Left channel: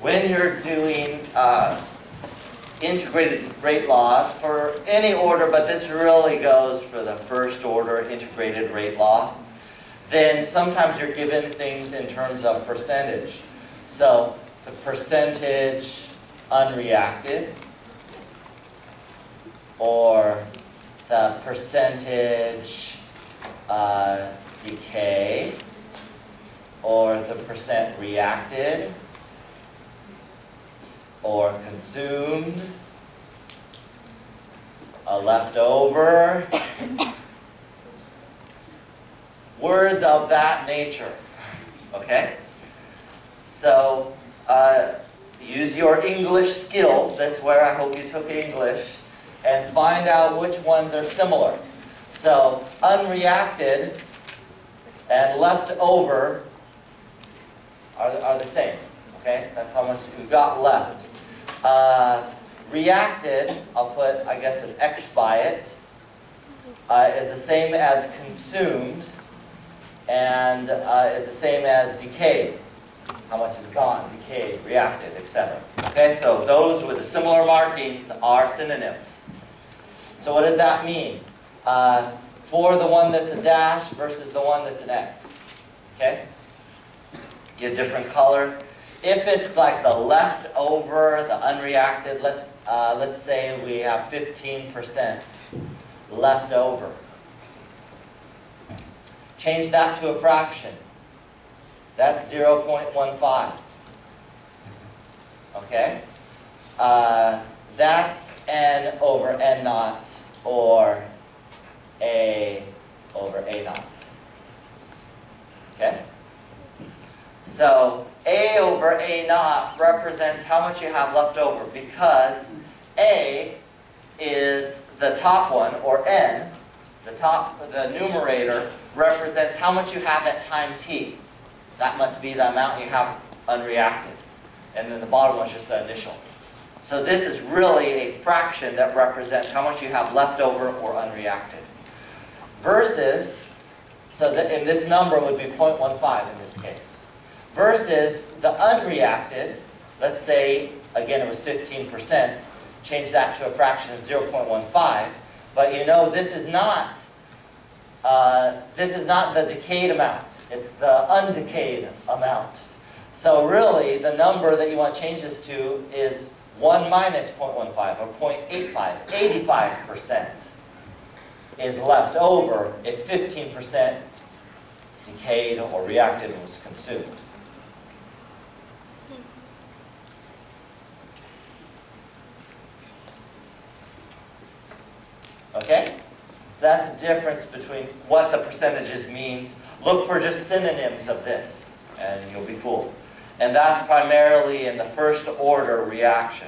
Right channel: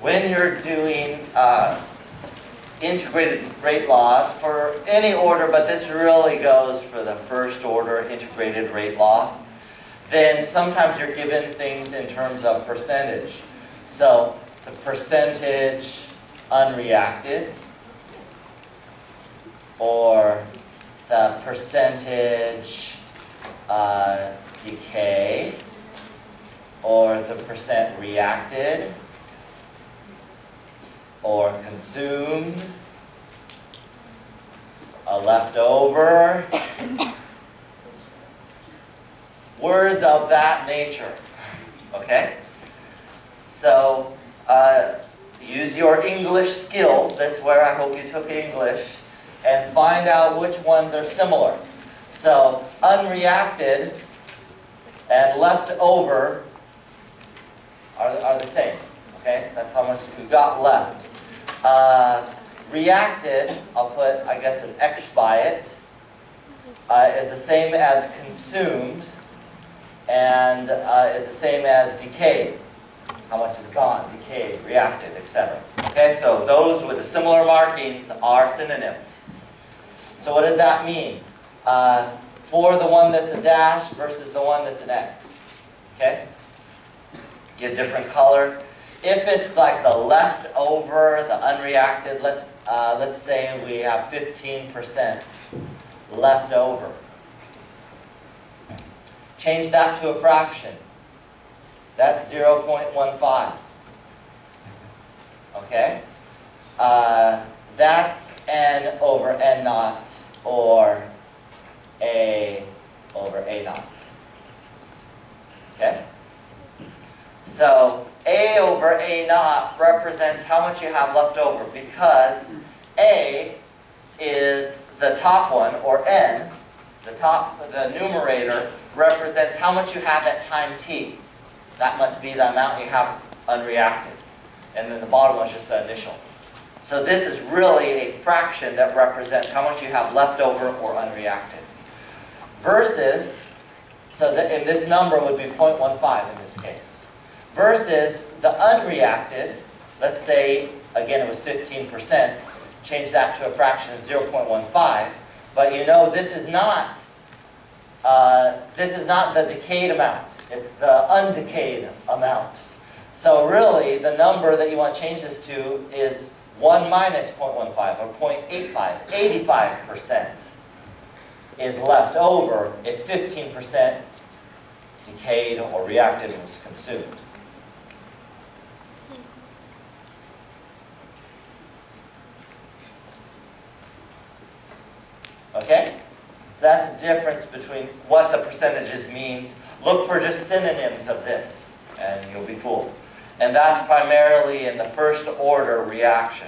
when you're doing integrated rate laws for any order, but this really goes for the first order integrated rate law, then sometimes you're given things in terms of percentage. So the percentage unreacted, or the percentage decay, or the percent reacted, or consumed, left over, words of that nature, okay? So use your English skills, this is where I hope you took English, and find out which ones are similar. So unreacted and left over are the same, okay? That's how much we've got left. Reacted, I'll put, I guess, an X by it, is the same as consumed, and is the same as decayed. How much is gone, decayed, reacted, etc. Okay, so those with the similar markings are synonyms. So what does that mean? For the one that's a dash versus the one that's an X. Okay? Get a different color. If it's like the leftover, the unreacted, let's say we have 15% left over. Change that to a fraction. That's 0.15. Okay? That's N over N naught, or A over A naught. Okay? So A over A naught represents how much you have left over, because A is the top one, or N, the numerator, represents how much you have at time t. That must be the amount you have unreacted. And then the bottom one is just the initial. So this is really a fraction that represents how much you have left over or unreacted. Versus, so that, and this number would be 0.15 in this case. Versus the unreacted, let's say, again, it was 15%, change that to a fraction of 0.15, but you know this is not the decayed amount, it's the undecayed amount. So really, the number that you want to change this to is 1 minus 0.15, or 0.85, 85% is left over if 15% decayed or reacted and was consumed. Okay? So that's the difference between what the percentages means. Look for just synonyms of this, and you'll be fooled. And that's primarily in the first order reaction.